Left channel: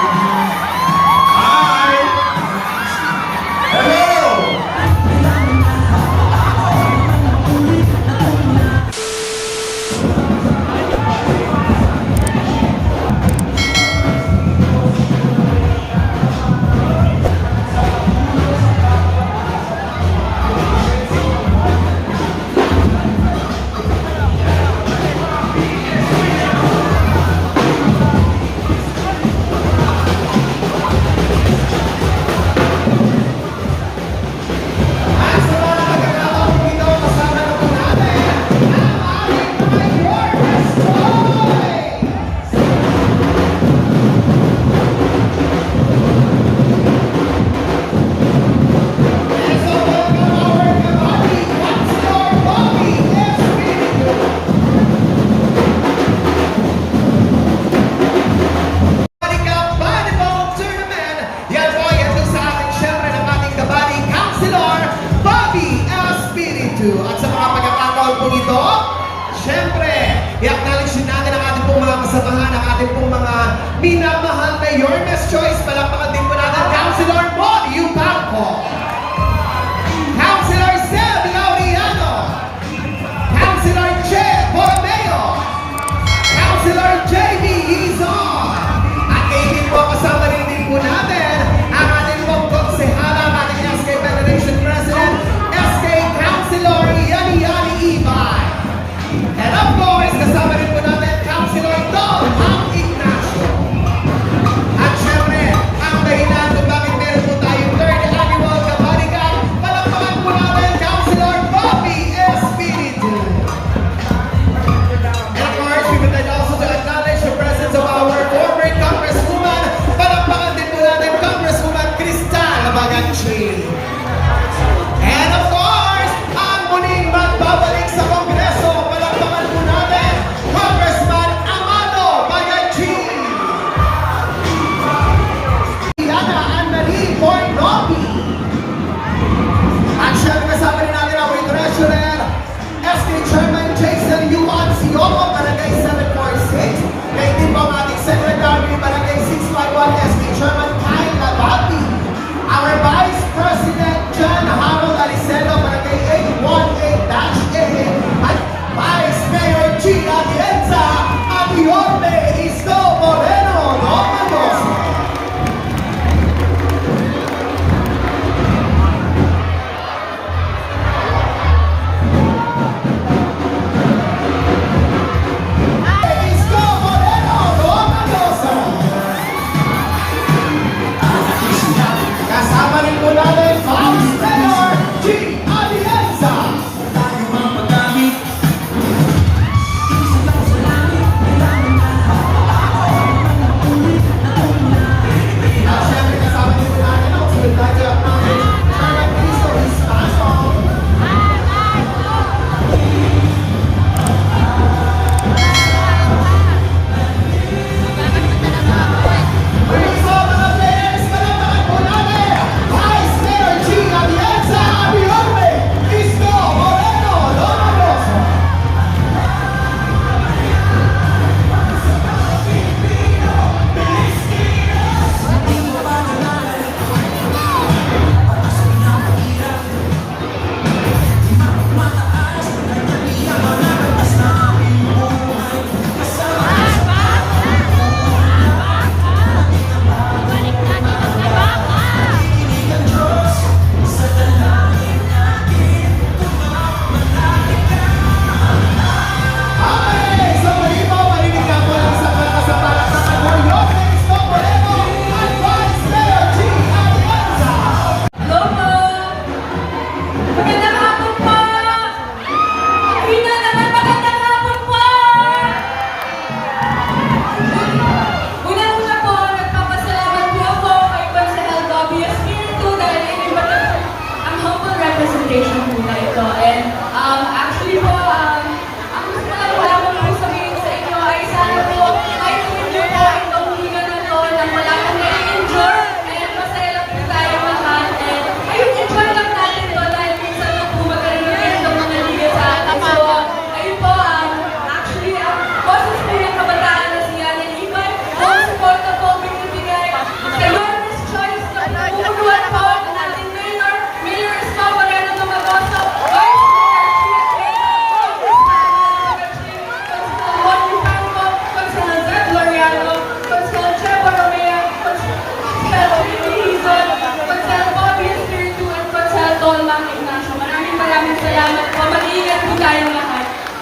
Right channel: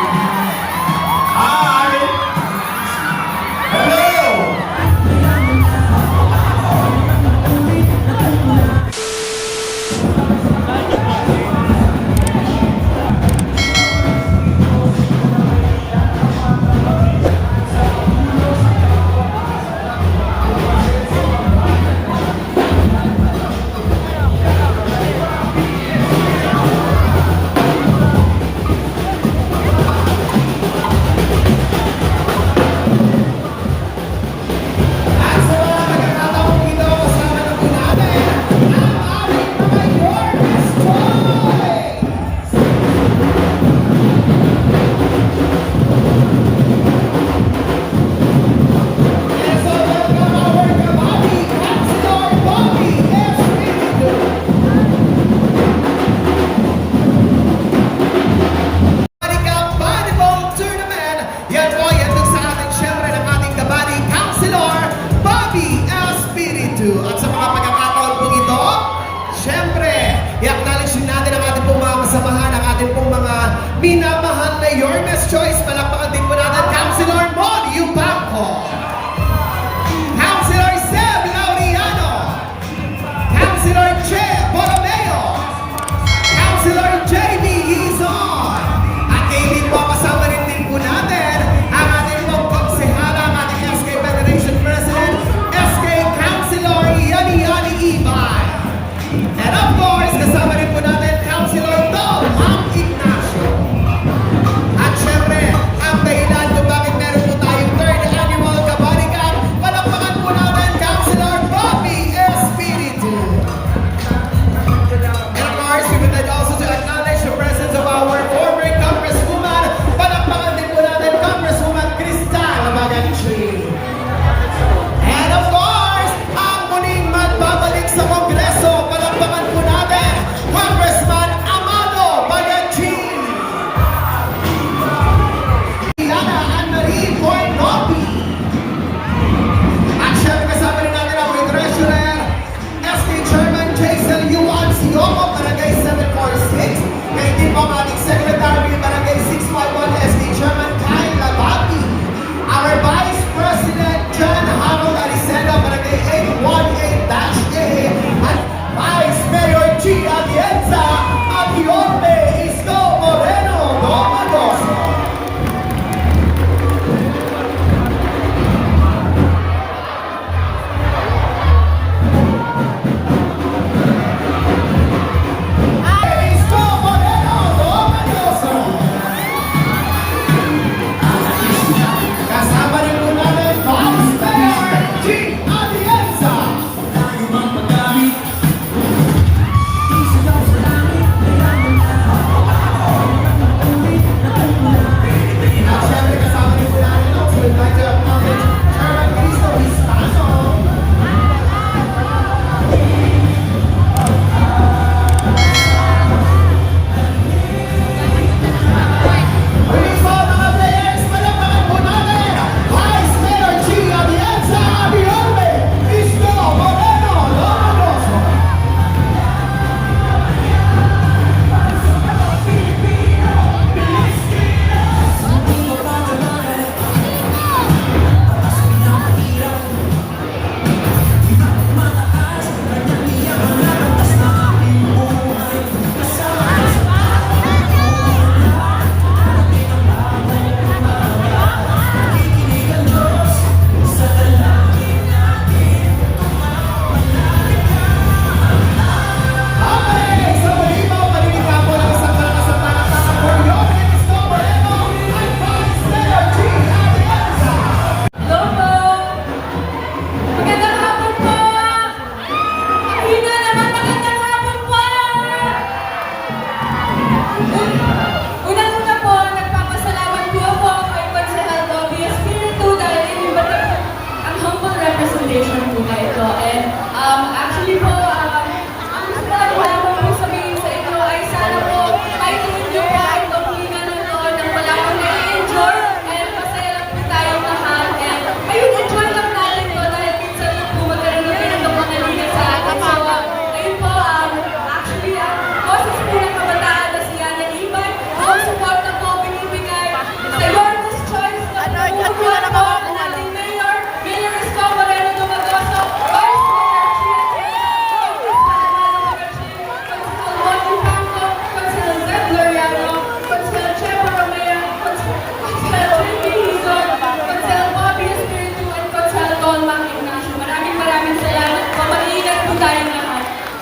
Hi! Hello! At sa mga pagkakataon po ito, syempre, i-acknowledge natin ang ating pong mga kasamahan, ang ating pong mga minamahal na Your Best Choice. Palakpakan din po natin, Councilor Mon Yubanco, Councilor Seb Laureano, Councilor Che Borromeo, Councilor J.D. Hizon, at kayo din po kasama rin din po natin ang ating pong konsehala, ang ating SK Federation President, SK Councilor Yani Ivan. And of course, kasama rin po natin Councilor Dom Ignacio. At syempre, ang dahilan kung bakit meron po tayong third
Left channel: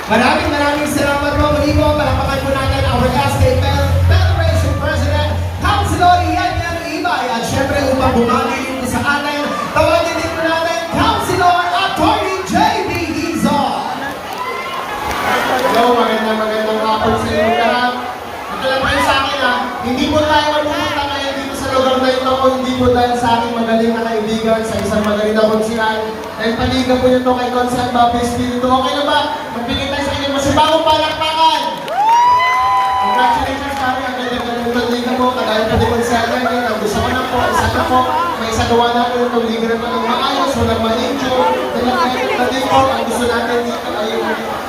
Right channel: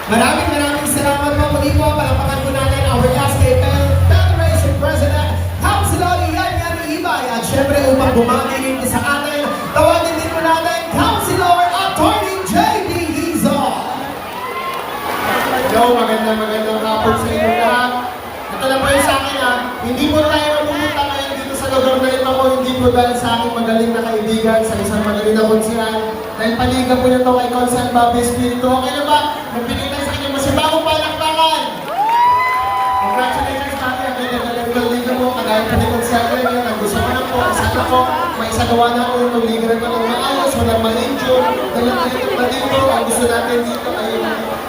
Maraming salamat po. Muli po, palapakan po natin our SK Federation President, Councilor Ian Ibay. At syempre, upang bumagi rin po sa atin, tawagin din po natin, Councilor Atty. J.B. Hizon. Hello, magandang hapon sa inyo lahat. At alam mo yun sa akin hindi mo na tayo pumunta ngayon dito sa lugar na ito kung hindi mo dahil sa aking magaling na kaibigan, sa isang magaling na konsihan. Dahil paliga po nito kay Consihan Bobby Espiritu. Okay na ba? Magbigay tayo sa inyo masibagong palakpakan! Congratulations kami, ang galing-galing ng liga mo. Kagaya pa ni Consihan ngayon, ang gusto ko na po, isa na po, may isagawa na po kung liga na po maayos, walang ma-injure, walang kayo na din po, ang gusto natin dito ay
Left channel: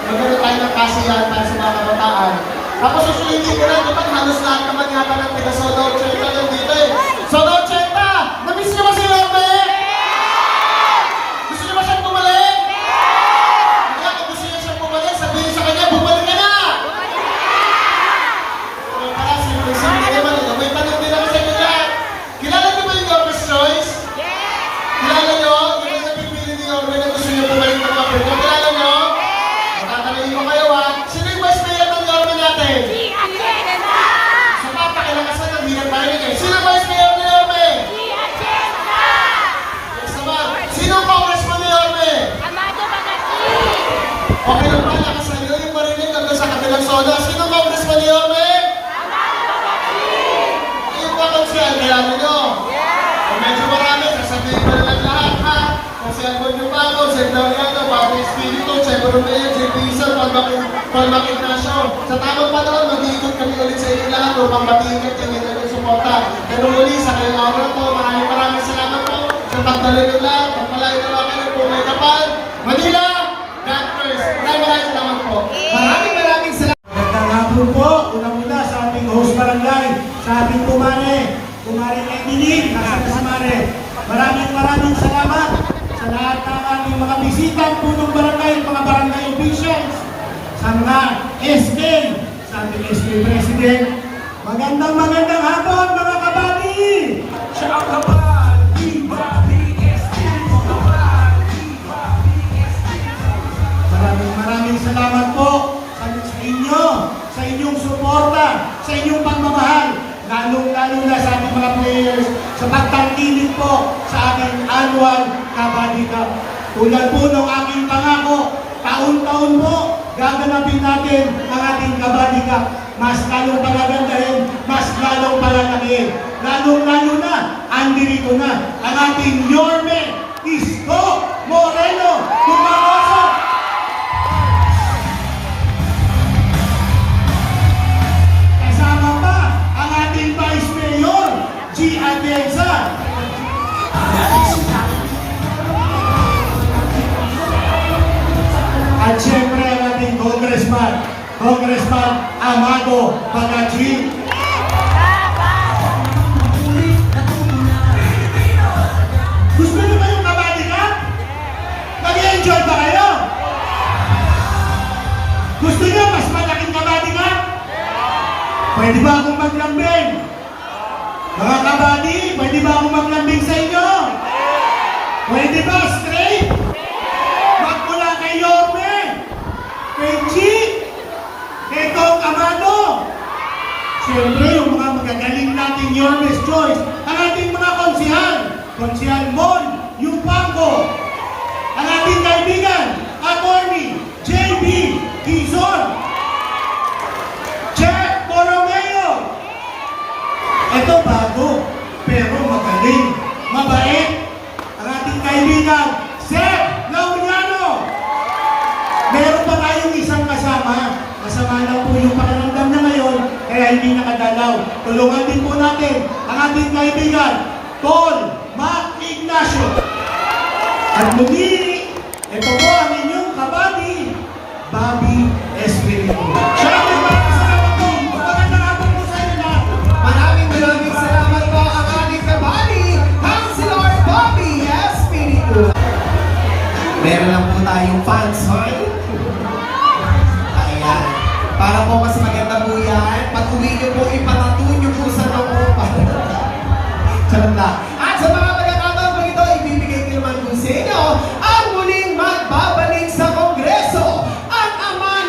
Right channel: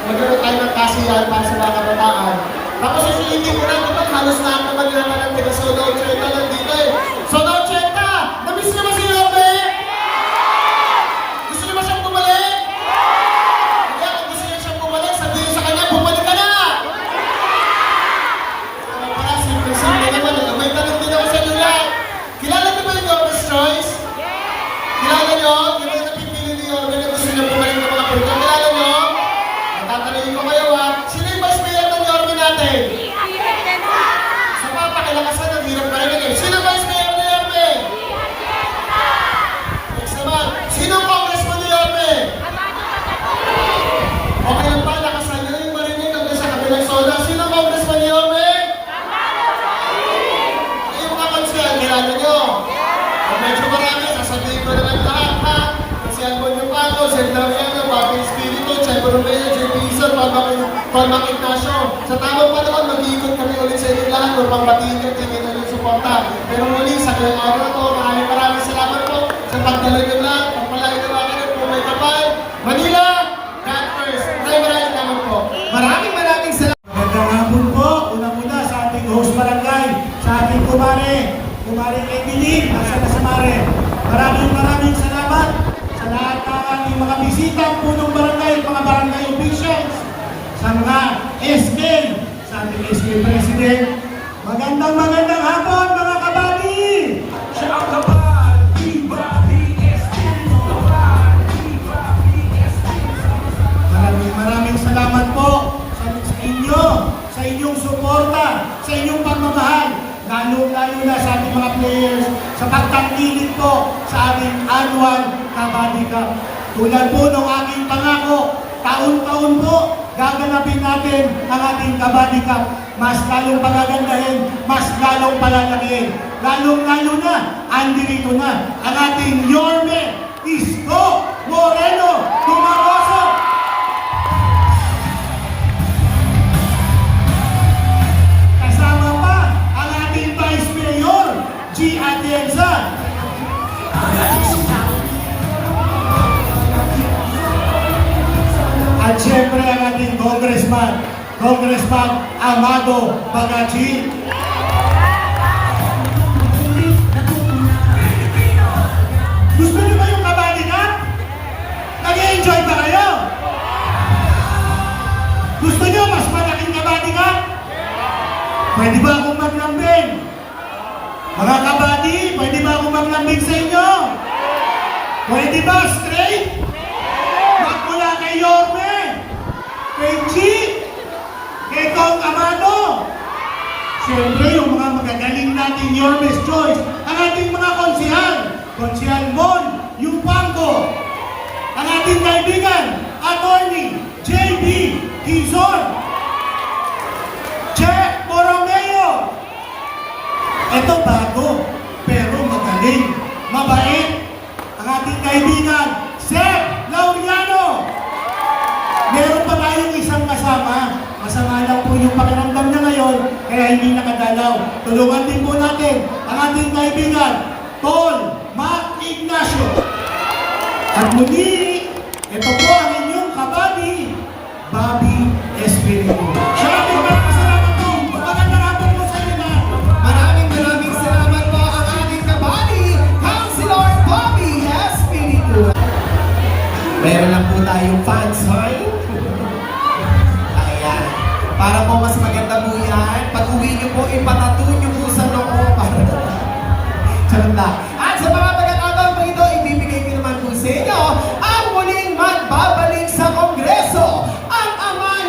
magkaroon tayo ng kasiyahan para sa mga kabataan. Tapos susulitin ko na, diba, halos lahat naman yata ng taga-Soda Ocheta lang dito eh. Soda Ocheta! Namiss niyo ba si Robe? Gusto niyo ba siyang bumalik? Kaya kung gusto niyo siyang bumalik, sabihin sa kanya, bumalik ka na! So, kaya simple naman eh. May tanong din ako sa inyo lahat. Kilala niyo ba yung Orbe's Choice? Kilala niyo? Yung napipili ni Orbe na gusto niyo bumalik ng mga pwede. Kilala niyo? Tatanungin ko kayo ha. Sino yung vice mayor ng Orbe natin? Sa papakilakasan ng hirap pa rin eh. Sino vice mayor ng Orbe? Next naman. Sino ang congressman ng Orbe? Okay lang pa, lakasan nyo yung marinig hanggang sa kabilang soda. Sino ang congressman ng Orbe? Ayun na konsiyan, kilala nyo. Kung medyo marami, sasabihin ko na lang lahat ha. Kasi ang Bonyo Paco, Sir Doriano, Papa Espiritu, Checo Romeo, JP Isor, Paul Ignacio. Sa tamang panahon, mag-iikot kami ulit sa inyo lahat upang matiigit yung inyong suporta. Pero muli, sa kayong araw po, maraming salamat po sa pagdalo nyo lahat. Pagpalain nyo akin po may kapal. Manila, God first. Maraming salamat po. Maraming salamat. Magandang hapon po. Una-una sa ating host barangay, sa ating kumare Evelyn, nasa Kasamare. Maraming salamat sa lahat ng aming mga bisita po ng barangay, mga barangay officials, sa mga SK, sa ating SK President. Magandang hapon mga kabati! Siya ang kabati! Maraming salamat po sa inyo, sa inyong suporta, sa inyong pagmamahal, lalo na sa ating mga players, sa pagtangkilik po sa ating annual Kabaddi Cup. Tulad po ng aking pangako, taon-taon po gaganapin natin ang ating Kabaddi Cup. Mas lalong pagagandahin, mas lalong palalakihin. Lalo na, andirito na ang ating Yorme Isko Moreno Dumagoso. Kasama pa ang ating Vice Mayor, G. Atienza. At siyempre ang ating Congressman Amado Bagachi. Gusto niyo ba yung Kabaddi Cup? Nag-i-enjoy ba kayo? Gusto niyo mas malaking Kabaddi Cup? Pwede ba akong maglambing? Mga kabady, pwede ba akong maglambing sa inyo? Pwede ba straight? Magmula kay Yorme, kay Chick, kay Kong Amado. Siyempre, yung mga magagaling nating Yorme's Choice, ang ating mga Konsihal Mon, Yupango, ang ating kaibigan, Atty. J.B. Hizon, Checo Romeo. Ito bago, pero magaling, mabait. Ang ating kaibigan, Sir Laureano. Meron pa tayong isang kasama. Masama lang po yung pakiramdam niya ngayon, kaya hindi nakadalaw. Tulungan din po natin ang ating kaibigan, Paul Ignacio. At muli, ito po ang inyong kabady, Bobby Espiritu. Siya ang salamat po. Magandang hapon po sa inyo lahat. Maraming salamat po ang ating kabady, Councilor Bobby Espiritu. Meron lang po tayong fans hall. Ayan. Para po mas maganda po yan, pag-uwi niyo po, ipatato niyo po sa loob. Charot lang. At sa mga pagkakataon po ito, ibibigay ko naman po sa inyo ang muling magbabalik sa Kongreso, ang ama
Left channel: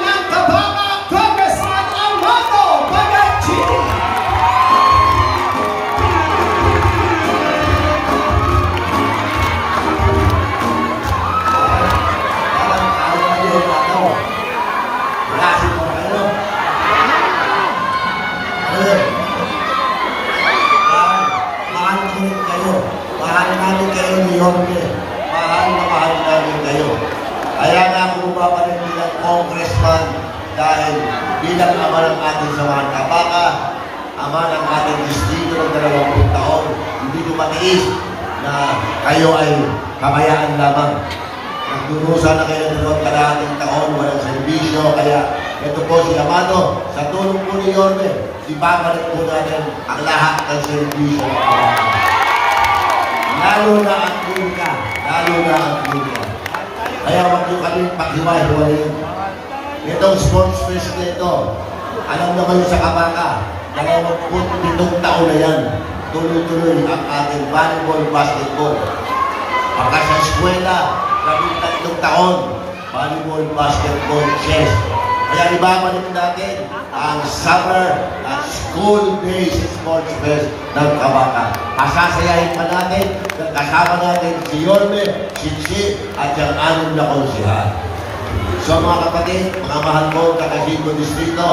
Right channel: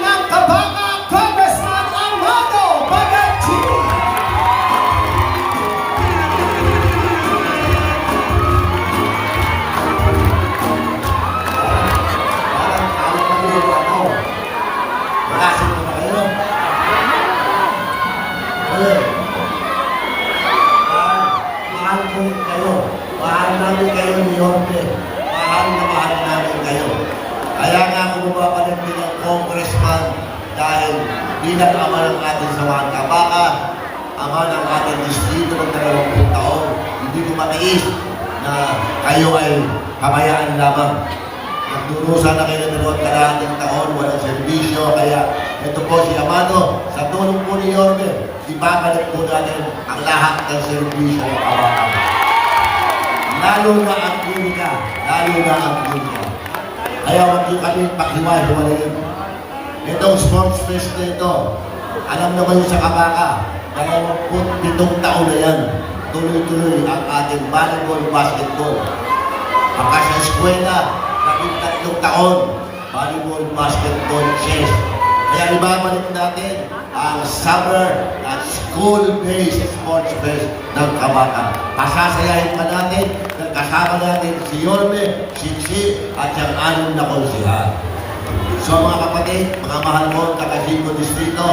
Mahal namin kayo ni Yorme. Mahal namin kayo. Kaya nga ako bumabalit bilang congressman dahil bilang ama ng ating samahan kabaka, ama ng ating distrito ng 20 taon, hindi ko matiis na kayo ay kabayaan lamang. Nagdurusa na kayo ng 2 taon, walang servisyo, kaya ito po si Amado, sa tulong po ni Yorme, ibabalik po natin ang lahat ng servisyo ng kabaka. Lalo na ang Pulka, lalo na ang Pulka. Kaya wag nyo kami paghiwa-hiwalayin. Itong sports fest nito, alam naman sa kabaka, 27 taon na yan, tuloy-tuloy ang ating volleyball, basketball. Pagka sa eskwela, 13 taon, volleyball, basketball, chess. Kaya ibabalik natin ang summer at school-based sports fest ng kabaka. Pasasayahin ka natin, kasama natin si Yorme, si Chi, at yung 6 na konsihan. So mga kapatid, mga mahal ko, kakasino distrito,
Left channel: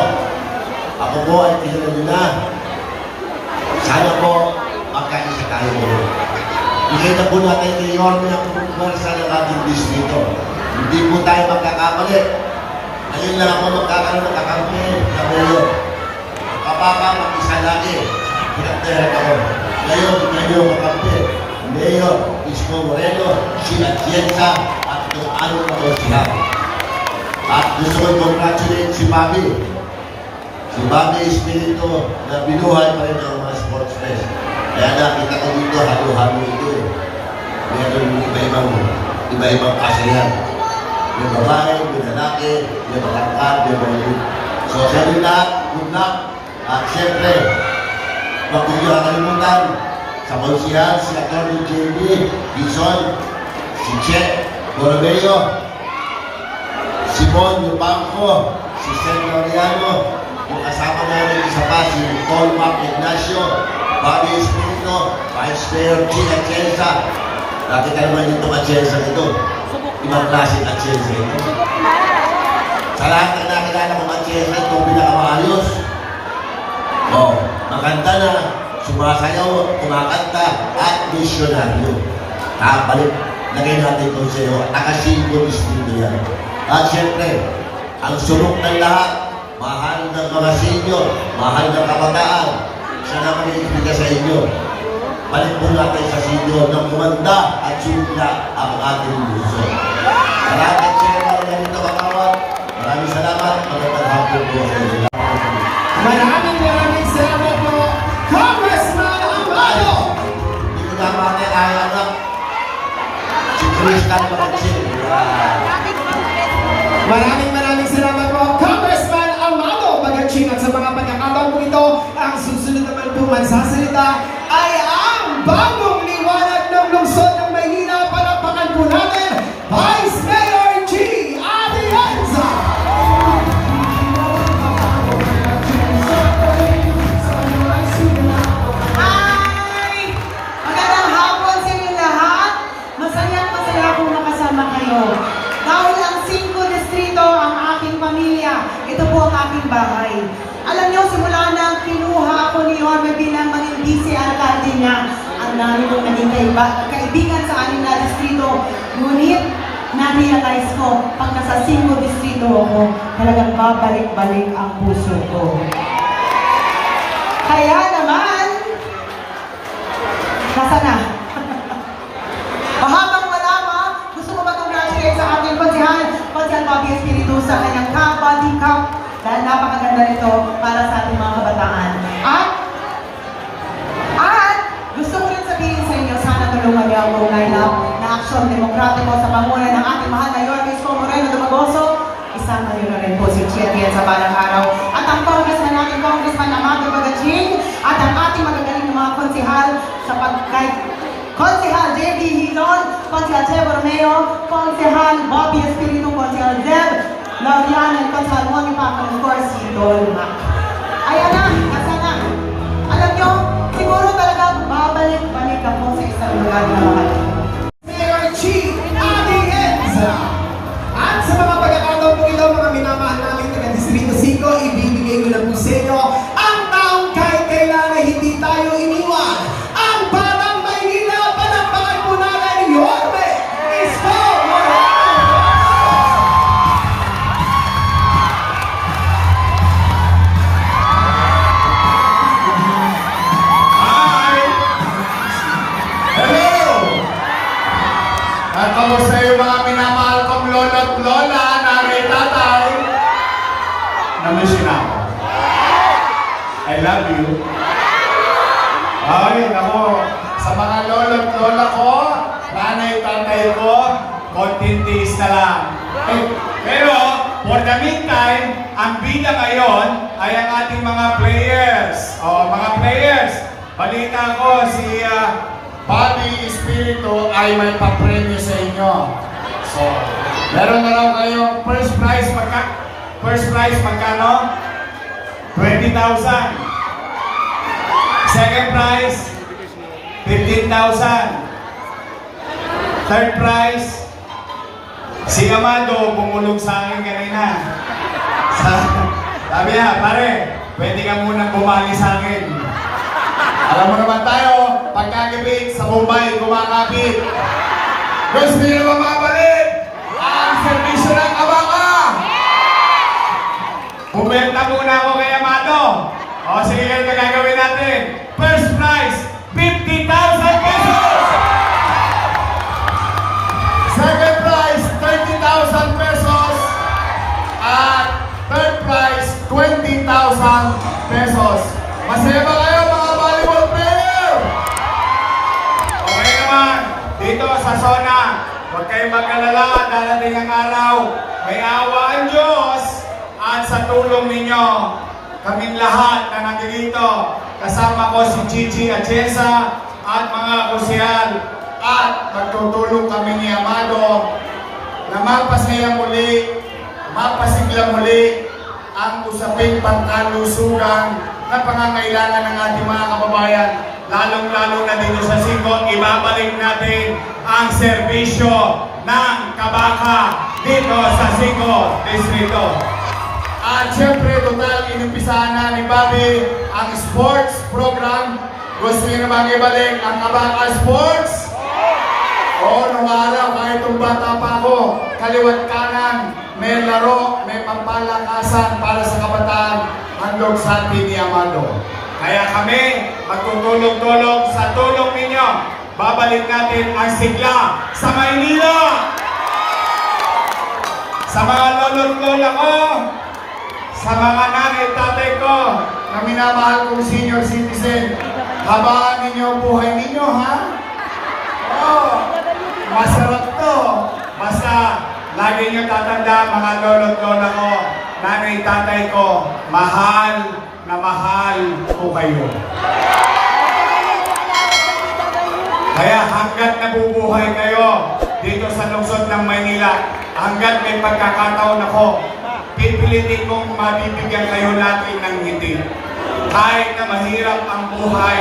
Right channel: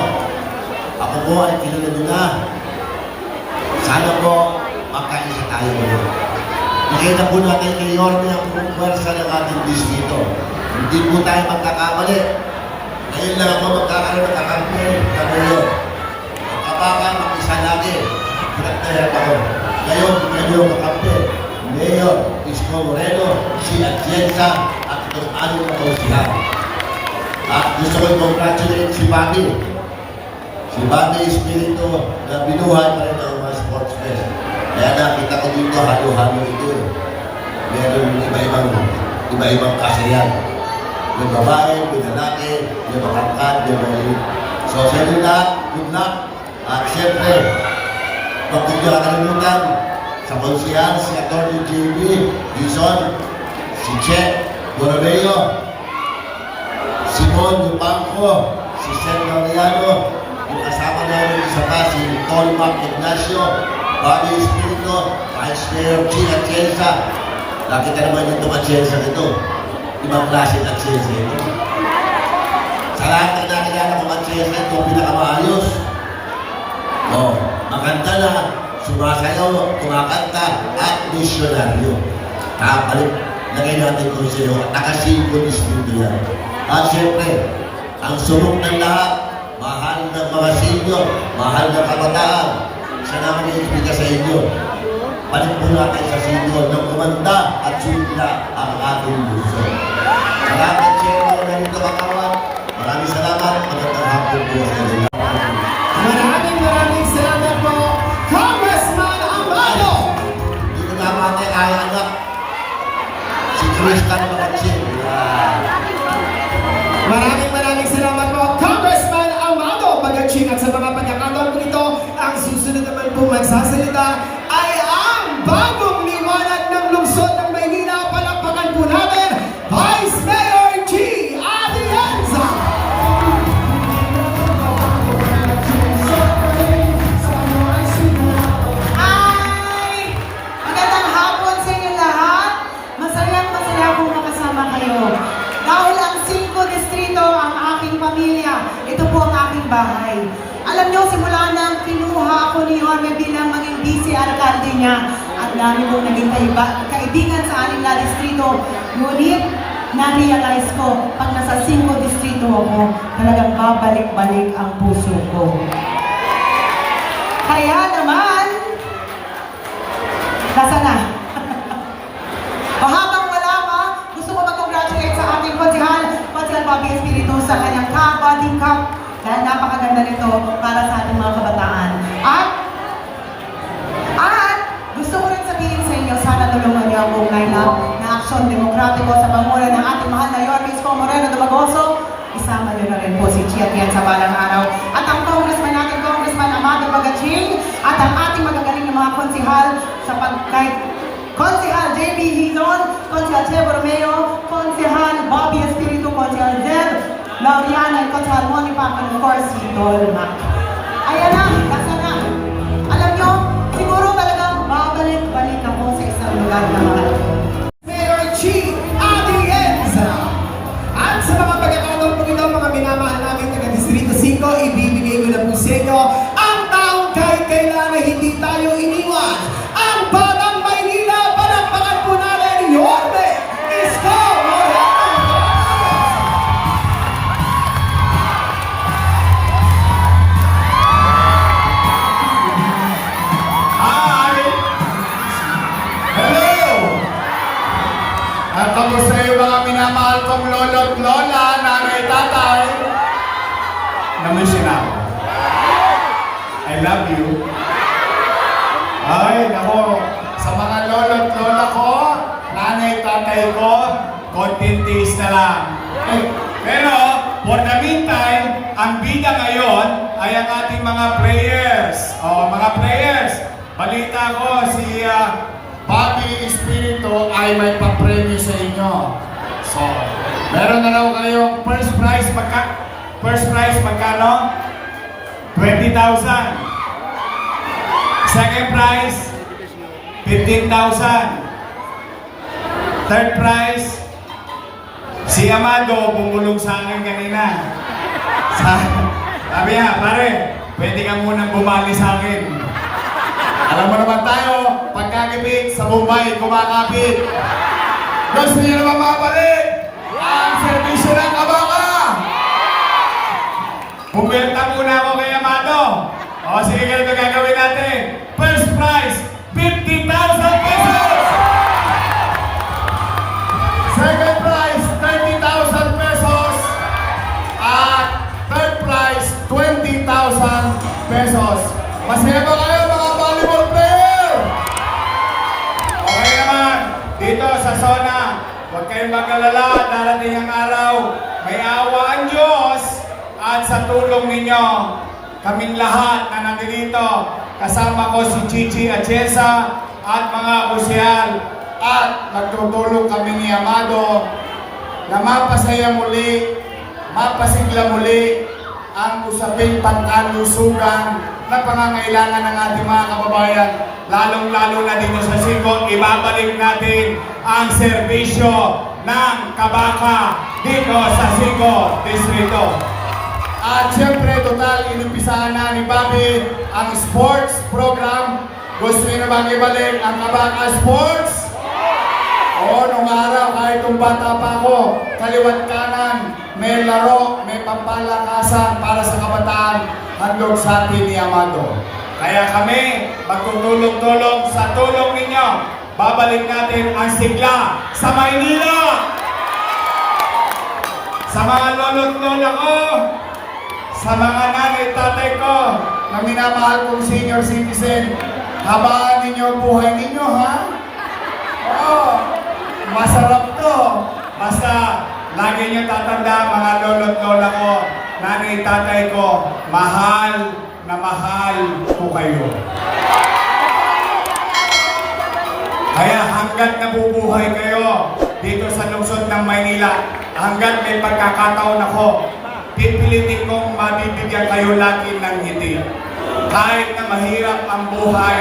ako po ay kilala nyo na. Sana po magkaisa tayo ngayon. Ikita po natin kay Yorme ang pumwersa ng ating distrito. Hindi po tayo magkakamali. Ngayon lang ako magkakaroon ng kakampi na mayor. Ang kabaka mag-isa lagi. Pinagtahan ako. Ngayon, kayo kakampi. Mayor, Isko Moreno, si Atienza, at itong 6 na konsihan. At gusto ko congratulate si Bobby. Si Bobby Espiritu na binuhay pa rin ang mga sports fest. Kaya nakita ko dito, halo-halo ito eh. Meron iba-ibang kasayan. May babae, may lalaki, may matangkad, may malit. So sa inyo lahat, good luck. At siyempre, huwag nyo nakalimutan sa konsihan, si Atty. JB, Gison, si Che, Borromeo, Simon Yupanco, si Sen Laureano, yung kasama namin isa pa si Tolmac Ignacio, Bobby Espiritu, Vice Mayor Gina Chenza. Nakita naman yung Chenza ito. Ibang klase ng Chenza ito. Sa lahat na nakilala ko ng Chenza ito, pinakamaayos. Maganda na, sumasayaw, kumakanta, at misyonaryo. Kapalik, lagay natin kung sa'yo, nakasimbo distrito yan. At siyempre, ang sunok ng lahat, mahal ng mga senior, mahal ng kabataan. Siya naman iibigay sa inyo. Balik po natin sa senior ng kumanda at sila ang ating luso. Salamat sa inyo mga ganito kakawag. Maraming salamat. Magandang hapon po sa inyo. Maraming salamat po, Congressman Amado! Hindi ko na natin ang anak. Si Crystal Maratsin. Maraming salamat po, Congressman Amado Bagaching. At sa mga pagkakataon po ito, ang susunod naman po magsasalita ay ang bagong liwanag ng lungsod ng Maynila. Palakpakan po natin, Vice Mayor G. Atienza! Ay! Magandang hapon sa inyo lahat. Masayang po makasama kayo. Dahil ang 5 distrito ang aking pamilya. Ito po ang aking bahay. Alam niyo, simula nang kinuha ako ni Jorge bilang maging vice-alcalde niya, ang dami kong naging kaibigan sa 6 na distrito. Ngunit, na-realize ko, pag nasa 5 distrito ako, talagang babalik-balik ang puso ko. Kaya naman, nasa na? Habang wala pa, gusto ko mag-congratulate sa ating Konsehal Bobby Espiritu sa kanyang Kabaddi Cup dahil napakaganda nito para sa ating mga kabataan. At gusto ko rin sabihin sa inyo, sana tulungan niyo ang line-up na aksyon demokratiko sa pangunan ng ating mahal na Yorme Isko Moreno Dumagoso. Isama niyo na rin po si Chia Tien sa balang araw. At ang congressman natin, Congressman Amado Bagaching, at ang ating magagaling ng mga konsehal sa Konsehal JB Hizon, Konsehal Che Borromeo, Konsehal Bobby Espiritu, Konsehal Zeb Laureano, at Konsehal Moni Paco, and of course, si Tolmac. Ayan na, nasa na. Alam nyo, siguro talagang babalik-balik ako sa isang lugar na mahal. Mayor G. Atienza! At sa mga pagkakataon po ito, mga minamahal namin taga-distrito 5, ibibigay ko na po sa inyo ang taong kahit kailangan hindi tayo iniwan. Ang Batang Maynila! Ay, nako. Sa mga lolo't lola ko, nanay, tatay ko, konting tiis na lang. Pero, for the meantime, ang bida ngayon ay ang ating mga players. O, mga players, balita ko si Bobby Espiritu ay may papremyo sa inyo. So, meron na raw kayong first prize magkano? 20,000. Second prize, 15,000. Third prize, si Amado bumulong sa akin kanina. Sabi niya, pare, pwede ka munang bumali sa akin. Alam mo naman tayo, pagkakipit sa Bombay, kumakapit. Gusto niyo naman mabalik ang servisyo ng kabaka. Bumenta muna ako kay Amado. O sige, ganito gagawin natin. First prize, 50,000 pesos! second prize, 30,000 pesos. At third prize, 20,000 pesos. Masaya ba kayo mga volleyball player? Okay naman, dito sa zona, huwag kayong mag-alala, darating ang araw. May awa ang Diyos at sa tulong ninyo, kaming lahat na nandito, kasama ko si Chichi Atienza at mga kusyal at nagtutulong kami ni Amado na mapasaya muli, mapasigla muli ang usaping pangkalusugan na pangangailangan ng ating mga kababayan, lalong-lalo na dito sa Sigo. Ibabalik natin ang serbisyo ng kabaka dito sa Sigo Distrito. At syempre, total, inumpisahan na ni Bobby ang sports program. Gusto niyo na bang ibalik ang kabaka sports? Oo, nung araw, kahit itong bata pa ako, kaliwat kanan, may laro, may pampalakasan para sa kabataan, handog sa atin ni Amado. Kaya kami, magtutulong-tulong sa tulong ninyo, babalik natin ang sigla sa Maynila! Sa mga lolo't lola ko, sa mga nanay tatay ko, na minamahal kong senior citizen, habaan ninyo ang buhay ninyo, ha? Oo, masarap to. Basta, lagi nyo tatanda, mga lolo't lola ko, nanay tatay ko, mahal na mahal ko kayo. Kaya hanggat nabubuhay kayo dito sa lungsod ng Maynila, hanggat may pagkakataon ako, pipilitin kong mabibigyan kayo natin ng ngiti. Kahit na mahirap ang buhay,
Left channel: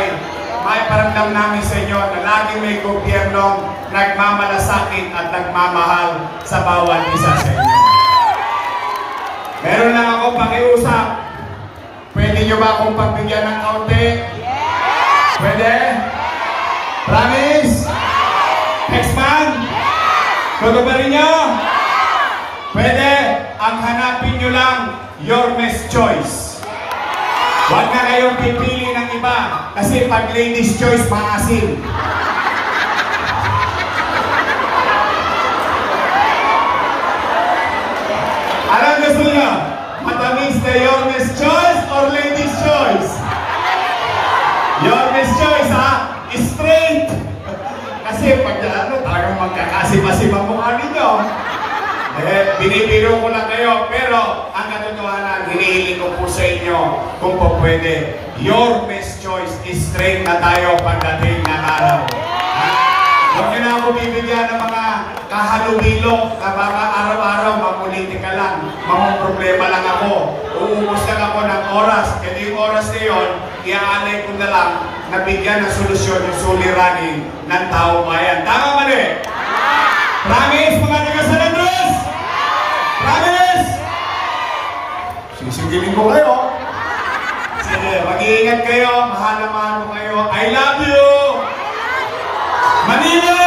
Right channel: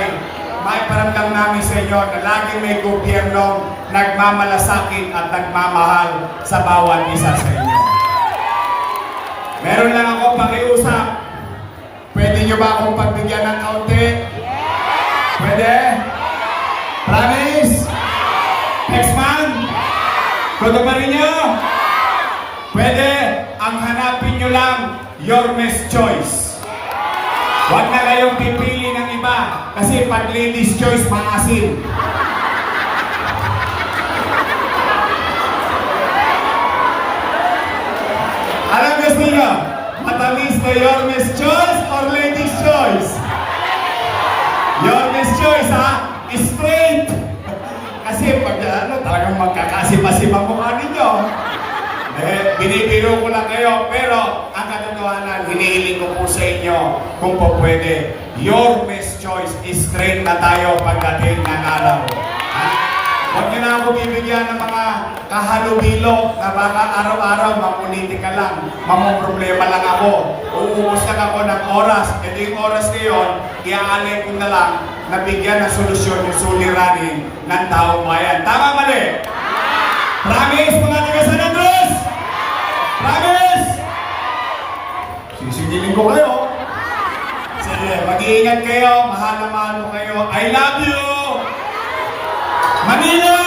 may paramdam namin sa inyo na lagi may gobyernong nagmamalasakit at nagmamahal sa bawat isa sa inyo. Meron lang ako pakiusap. Pwede nyo ba akong pagbigyan ng kaunti? Pwede? Promise? Next month? Kudo ba rin nyo? Pwede? Ang hanapin nyo lang, your best choice. Huwag na kayong pipili ng iba kasi pag ladies choice, maasin. Anong gusto nyo? Matamis na your best choice or ladies choice? Your best choice, ha? Straight! Kasi pag talagang magkakasip-asip ang mukha ninyo. Binibiro ko lang kayo, pero ang katotohanan, hinihiling ko po sa inyo kung po pwede. Your best choice, straight na tayo pagdating ng araw. Ha? Huwag nyo na ako bibigyan ng mga kahalubilo na baka araw-araw mapolitika lang, problema lang ako. Uubos lang ako ng oras. Kasi yung oras na yun, iaalay ko na lang na bigyan ng solusyon yung suliranin ng taong bayan. Tama mali? Promise mga taga San Andres? Promise? Sisigilin ko kayo. Sige, mag-iingat kayo. Mahal na mahal ko kayo. I love you! Manila!